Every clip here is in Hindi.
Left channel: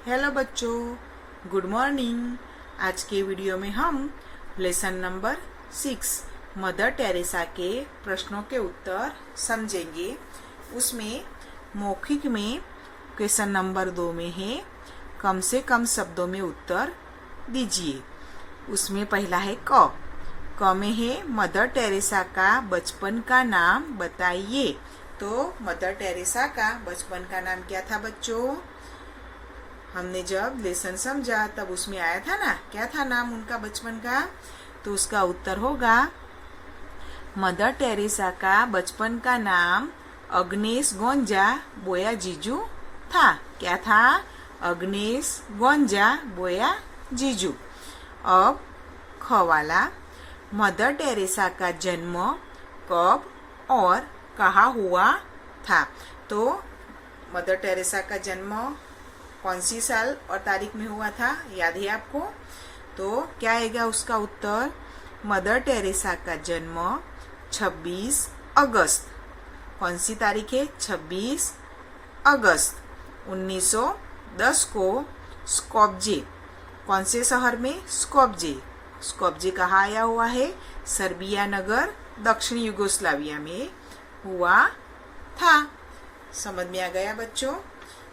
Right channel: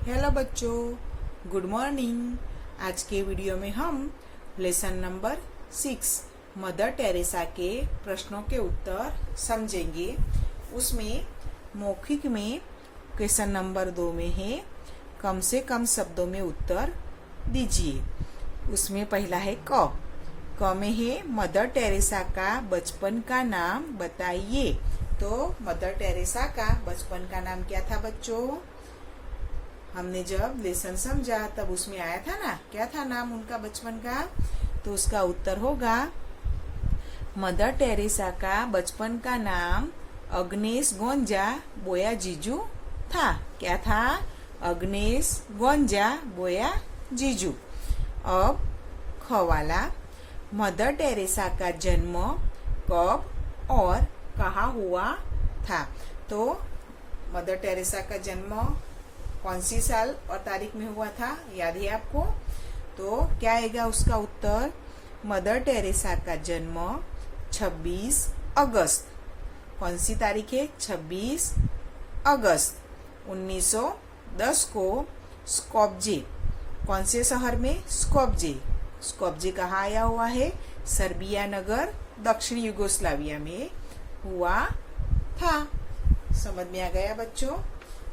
हेलो बच्चों, गुड मॉर्निंग। आज के वीडियो में हम लेसन नंबर 6 मदर टेरेसा के प्रश्नों के उत्तर समझेंगे। उसमें मौखिक में क्वेश्चन नंबर 2 में है कम से कम शब्दों में उत्तर दीजिए। उसमें पहला है क में है मदर टेरेसा का बचपन का नाम बताइए। तो मदर टेरेसा का बचपन का नाम क्या था बच्चों? हमने जब लेसन समझा तब उसमें आया था ना, क्या था नाम उनका बचपन का? तो उसका उत्तर होगा मदर टेरेसा का बचपन का नाम अग्नेस गोंजा बोया जीजू था। क्या था? अग्नेस गोंजा बोया जीजू। अब ख वाला, मदर टेरेसा का जन्म कब और कहाँ हुआ था? तो मदर टेरेसा का जन्म कौन सी साल और तारीख में हुआ था, याद है आपको? तो क्या आएगा उसका उत्तर? मदर टेरेसा का जन्म 26 अगस्त। कौन सी तारीख है? 26 अगस्त 1910 को स्कोप्जे, कौन से शहर में? स्कोप्जे। स्कोप्जे कहाँ आया हुआ है? सर्बिया नगर, दक्षिण युगोस्लाविया में हुआ था। समझ में आ गया बच्चों?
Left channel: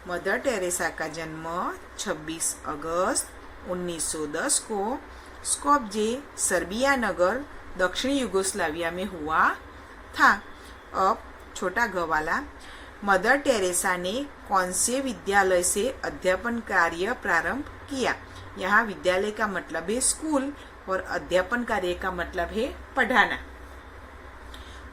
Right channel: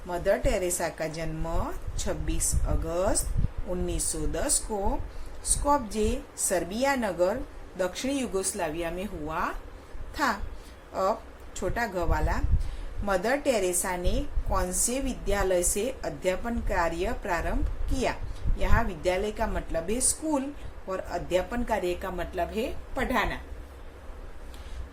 मदर टेरेसा का जन्म 26 अगस्त 1910 को स्कोप्जे, सर्बिया नगर, दक्षिण युगोस्लाविया में हुआ था। अब छोटा ग वाला, मदर टेरेसा ने कौन से विद्यालय से अध्यापन कार्य प्रारंभ किया? यहाँ विद्यालय का मतलब है स्कूल और अध्यापन कार्य का मतलब है पढ़ाना।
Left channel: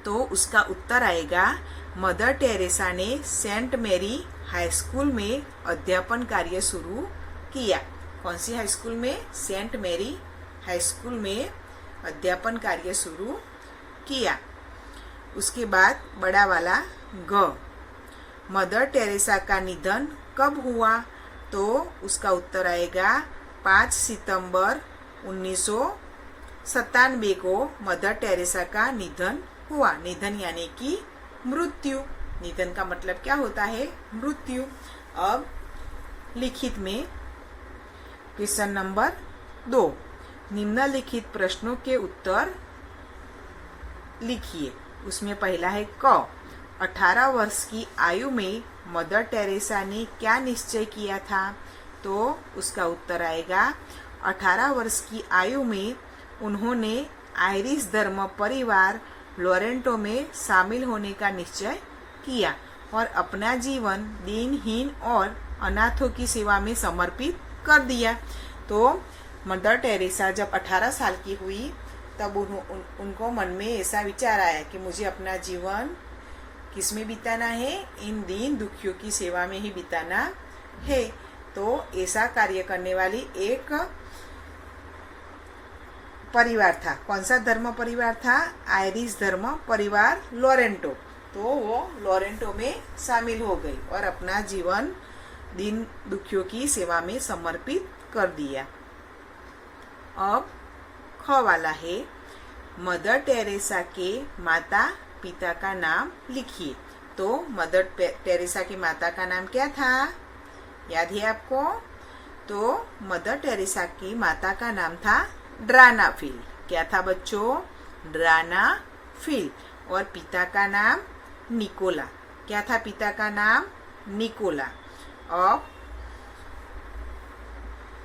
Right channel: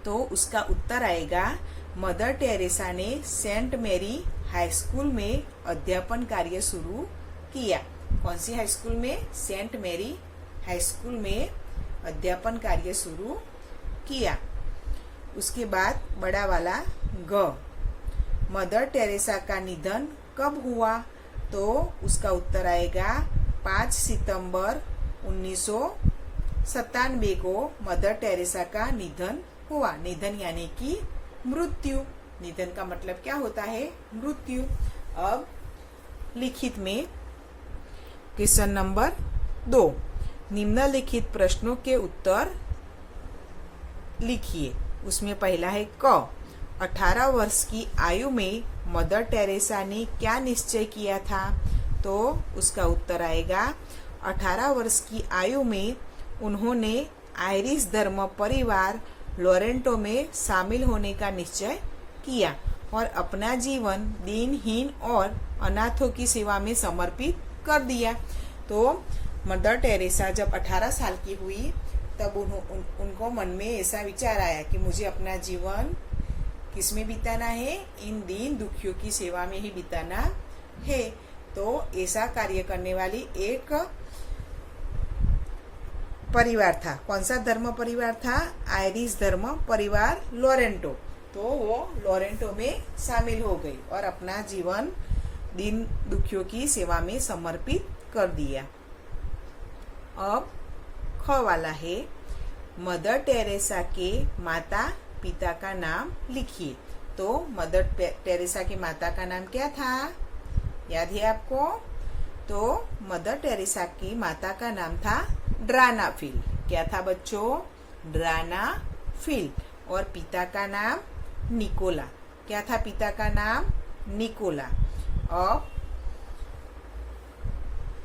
तो उसका उत्तर आएगा मदर टेरेसा ने सेंट मैरी हाई स्कूल में अध्यापन कार्य शुरू किया। कौन सी हाई स्कूल में? सेंट मैरी हाई स्कूल में अध्यापन कार्य शुरू किया। उसके बाद बड़ा वाला ग, मदर टेरेसा का निधन कब हुआ? तो उसका उत्तर आएगा 5 सितंबर 1997 को मदर टेरेसा का निधन हुआ। निधन यानी कि मृत्यु। निधन का मतलब क्या होता है? मृत्यु। अब लिखित में क्वेश्चन नंबर 2, निम्नलिखित प्रश्नों के उत्तर लिखिए। उसमें पहला है क, 18 वर्ष की आयु में मदर टेरेसा ने क्या निश्चय किया था? तो उसका उत्तर आएगा 18 वर्ष की आयु में उन्होंने आयरिश धर्म परिवार लोरेंटो में शामिल होने का निश्चय किया और अपना जीवन दीनहीन और अनाथों की सेवा में समर्पित कर दिया। तो मदर टेरेसा जब 18 साल की हुई तब उनको मन में ऐसा विचार आया कि मुझे अपना जीवन किसमें बिताना है? इन दीन दुखियों की सेवा में ही बिताना है। तो ऐसा कार्य करने वाली एक परिवार था। कौन सा धर्म परिवार था? आयरिश धर्म परिवार लोरेंटो। तो वो लोरेंटो में शामिल हो गई और अपना जीवन दीन दुखियों की सेवा में समर्पित कर दिया। अब ख वाला है, मदर टेरेसा के माता पिता का नाम लिखिए। तो मदर टेरेसा की माता का नाम क्या था? याद है आपको? तो मदर टेरेसा की माता का नाम था ड्राना फिल। क्या था बच्चों? ड्राना फिल। और पिता का नाम निकोला। क्या था पिता का नाम? निकोला। अब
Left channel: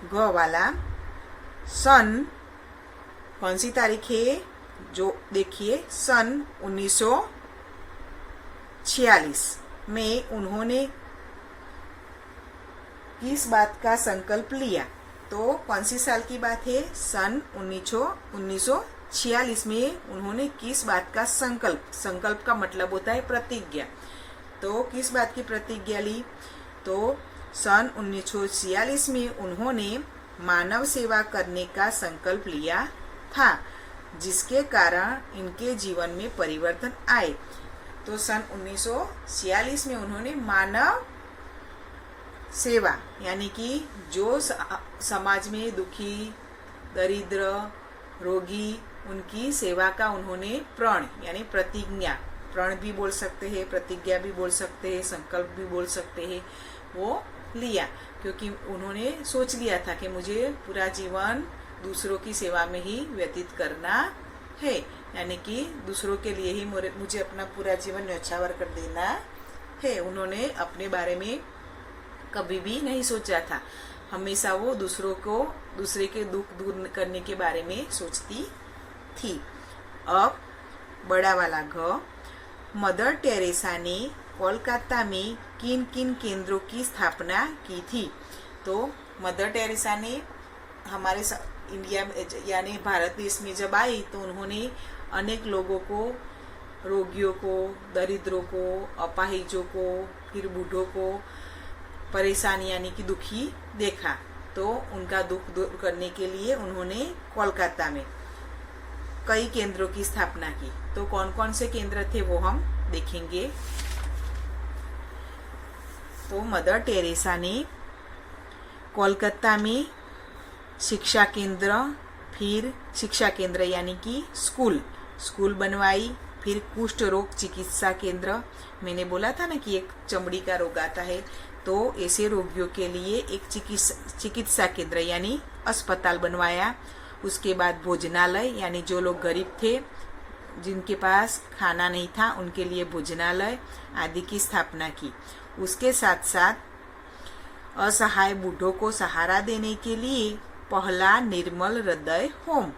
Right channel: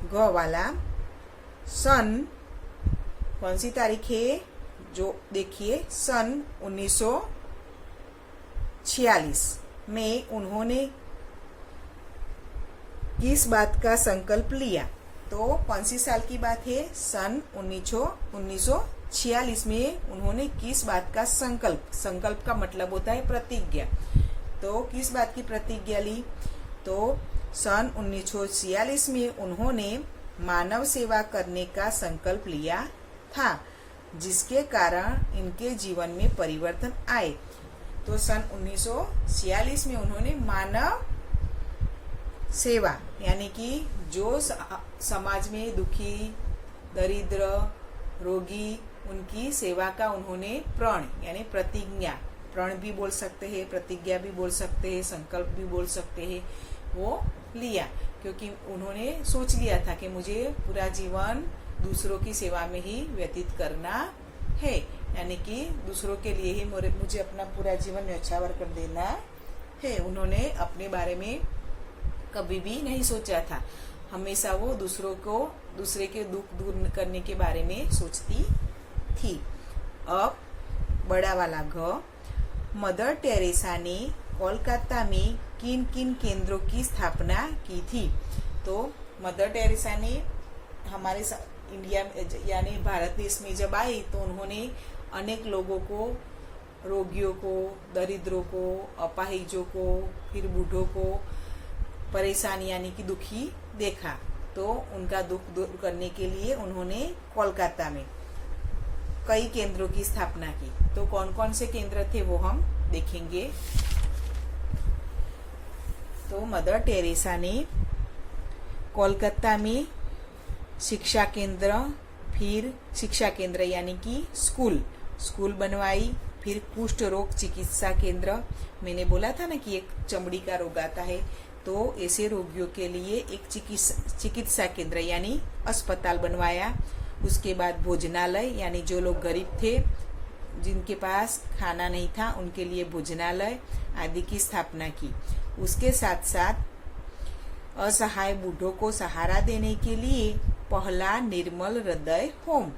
ग वाला, सन कौन सी तारीख है? जो देखिए, सन 1946 में उन्होंने किस बात का संकल्प लिया? तो कौन सी साल की बात है? सन 1946 में उन्होंने किस बात का संकल्प का मतलब होता है प्रतिज्ञा। तो किस बात की प्रतिज्ञा ली? तो सन 1946 में उन्होंने मानव सेवा करने का संकल्प लिया था, जिसके कारण इनके जीवन में परिवर्तन आए। तो सन 1946 में उन्होंने मानव सेवा यानी कि जो समाज में दुखी, दरिद्र, रोगी, उनकी सेवा का उन्होंने प्रण यानी प्रतिज्ञा, प्रण भी बोल सकते हैं, प्रतिज्ञा भी बोल सकते हैं, संकल्प भी बोल सकते हैं, वो लिया, क्योंकि उन्होंने सोच लिया था कि मुझे पूरा जीवन दूसरों की सेवा में ही व्यतीत करना है, यानी कि दूसरों के लिए ही मुझे अपना पूरा जीवन न्यौछावर कर देना है। उन्होंने अपने बारे में कभी भी नहीं सोचा था, हमेशा वो दूसरे के दुख दूर करने के बारे में सोचती थी। अब बड़ा वाला घ, मदर टेरेसा ने कोलकाता में किन किन केंद्रों की स्थापना की थी। तो मदर टेरेसा ने हमारे इंडिया में यानी भारत देश में जब आई तो उन्होंने अनेक लोगों को, रोगियों को, दरिद्रों को, अपाहिजों को, फिर बूढ़ों को परेशान यानी कि दुखी देखा, तो उनका दुख दूर करने के लिए उन्होंने कोलकाता में कई केंद्रों की स्थापना की। तो कौन कौन से केंद्र थे वो हम देखेंगे। तो मदर टेरेसा ने कोलकाता में शिक्षा केंद्र, फिर शिक्षा केंद्र यानी कि स्कूल बनवाई, फिर कुष्ठ रोग चिकित्सा केंद्र, मैंने बोला था ना कि एक चमड़ी का रोग आता है, तो ऐसे रोगियों के लिए एक चिकित्सा केंद्र यानी अस्पताल बनवाया। उसके बाद भोजनालय यानी जो लोग गरीब थे, जिनके पास खाना नहीं था, उनके लिए भोजनालय आदि की स्थापना की। उसके साथ साथ असहाय बूढ़ों को सहारा देने के लिए पहला निर्मल हृदय होम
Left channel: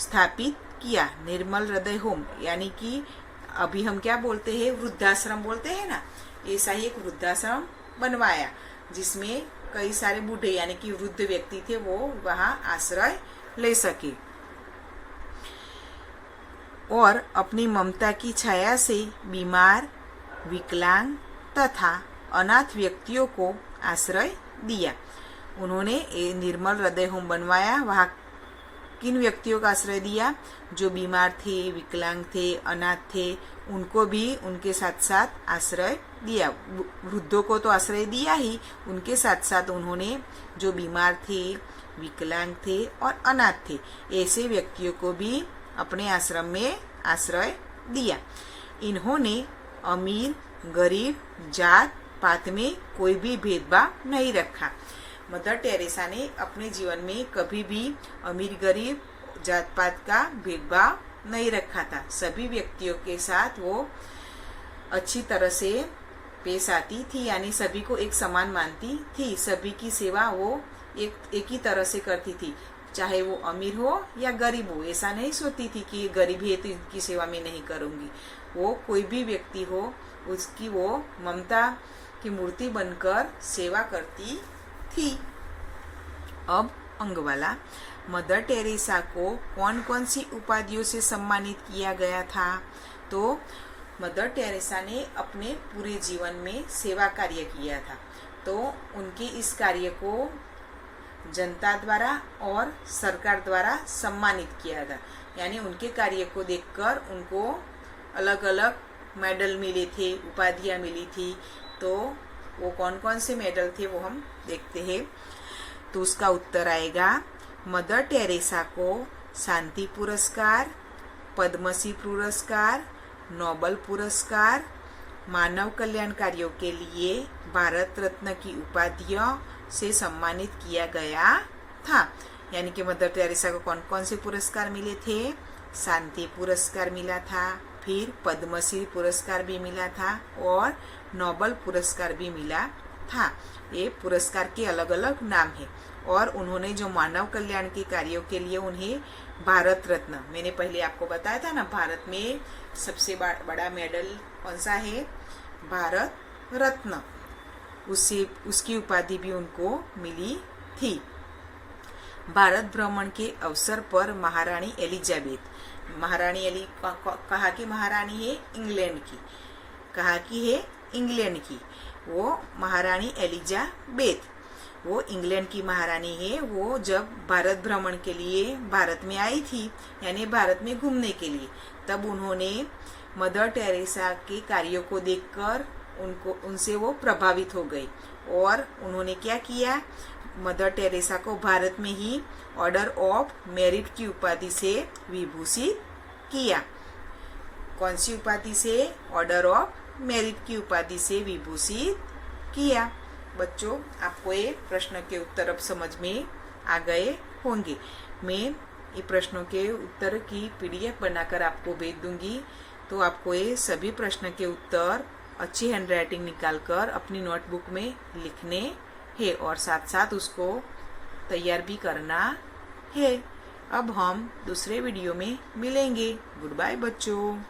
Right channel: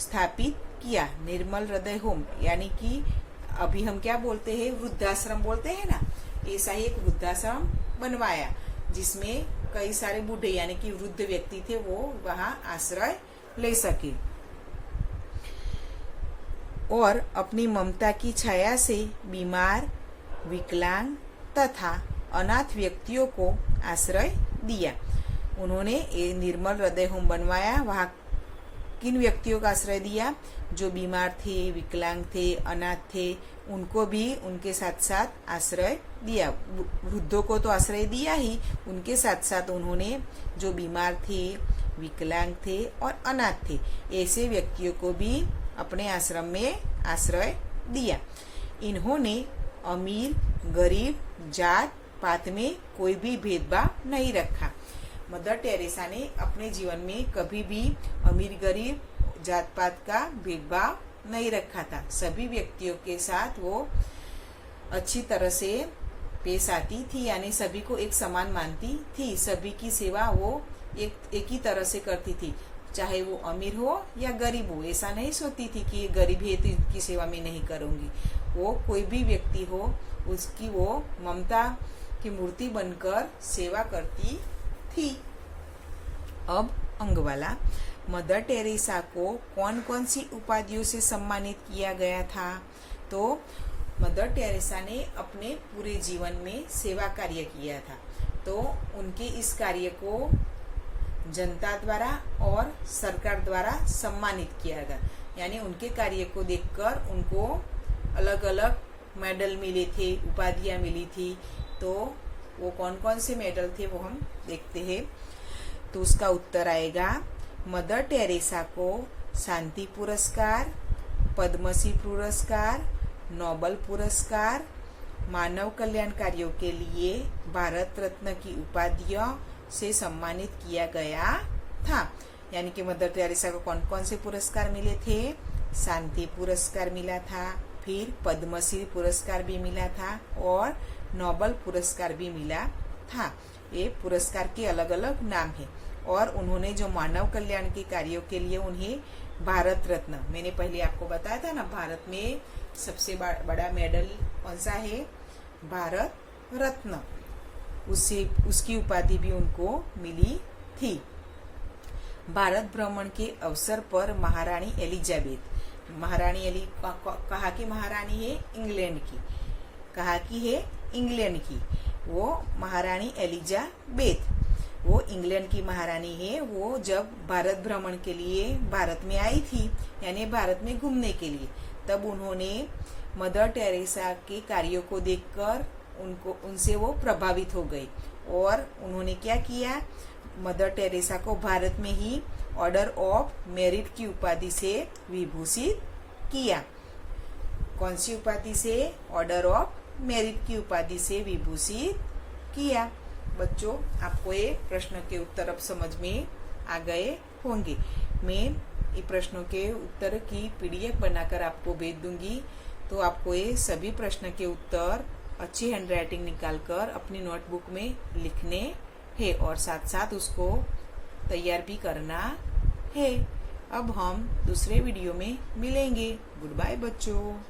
स्थापित किया। निर्मल हृदय होम यानी कि अभी हम क्या बोलते हैं, वृद्धाश्रम बोलते हैं ना, ऐसा ही एक वृद्धाश्रम बनवाया जिसमें कई सारे बूढ़े यानी कि वृद्ध व्यक्ति थे, वो वहां आश्रय ले सके और अपनी ममता की छाया से बीमार, विकलांग तथा अनाथ व्यक्तियों को आश्रय दिया। उन्होंने निर्मल हृदय होम बनवाया। वहां किन व्यक्तियों का आश्रय दिया? जो बीमार थे, विकलांग थे, अनाथ थे, उनको भी उनके साथ साथ आश्रय दिया। वृद्धों को तो आश्रय दिया ही, उनके साथ साथ उन्होंने जो बीमार थे, विकलांग थे और अनाथ थे, ऐसे व्यक्तियों को भी अपने आश्रम में आश्रय दिया। इन्होंने अमीर, गरीब, जात पात में कोई भी भेदभाव नहीं रखा। मदर टेरेसा ने अपने जीवन में कभी भी अमीर गरीब जात पात का भेदभाव नहीं रखा था। सभी व्यक्तियों के साथ वो अच्छी तरह से पेश आती थी, यानी सभी को एक समान मानती थी। सभी की सेवा वो एक ही तरह से करती थी, चाहे वो अमीर हो या गरीब हो। ऐसा नहीं सोचती थी कि गरीब है तो इसकी सेवा मैं नहीं करूंगी। वो कोई भी व्यक्ति हो, उसकी वो ममता की मूर्ति बनकर सेवा करती थी। अब अंग वाला, मदर टेरेसा को कौन कौन सी उपाधियों से सम्मानित किया गया था? तो मदर टेरेसा ने अपने पूरे जीवन में सेवा कार्य किया था, तो उनके इस कार्य को जनता द्वारा और सरकार द्वारा सम्मानित किया था। यानी उनके कार्य को देखकर उनको अलग अलग मेडल मिले थे, उपाधियां मिली थी। तो वो कौन कौन से मेडल थे वो हम देखते हैं। तो उसका उत्तर आएगा, मदर टेरेसा को शांति पुरस्कार, पद्मश्री पुरस्कार, नोबल पुरस्कार, मानव कल्याण कार्यों के लिए भारत रत्न की उपाधियों से सम्मानित किया गया था। यानी कि मदर टेरेसा को कौन कौन से पुरस्कार मिले थे? शांति पुरस्कार मिला था, फिर पद्मश्री पुरस्कार भी मिला था और नोबल पुरस्कार भी मिला था। ये पुरस्कार के अलग अलग नाम है। और उन्होंने जो मानव कल्याण के कार्यों के लिए उन्हें भारत रत्न, मैंने पहले आपको बताया था ना, भारत में सबसे बड़ा मेडल कौन सा है? भारत रत्न। उसकी उपाधि भी उनको मिली थी। भारत भ्रमण के अवसर पर महारानी एलिजाबेथ, कहा कि महारानी है इंग्लैंड की, कहा कि है इंग्लैंड की, वो महारानी एलिजाबेथ, वो इंग्लैंड की महारानी है। वो जब भारत भ्रमण के लिए भारत में आई थी, यानी भारत में घूमने के लिए, तब उन्होंने मदर टेरेसा के कार्यों को देखकर उनसे वो प्रभावित हो गई और उन्होंने क्या किया? मदर टेरेसा को भारत में ही ऑर्डर ऑफ मेरिट की उपाधि से विभूषित किया। कौन सी उपाधि से? ऑर्डर ऑफ मेरिट की उपाधि से विभूषित किया। बच्चों, आपको ये प्रश्न के उत्तर अब समझ में आ गए होंगे। मैं ये प्रश्नों के उत्तर की PDF बनाकर आपको भेज दूंगी, तो आपको ये सभी प्रश्न के उत्तर अच्छी हैंडराइटिंग निकालकर अपनी नोटबुक में लिखने हैं और साथ साथ उसको तैयार भी करना है। अब हम दूसरे वीडियो में मिलेंगे। गुड बाय बच्चों।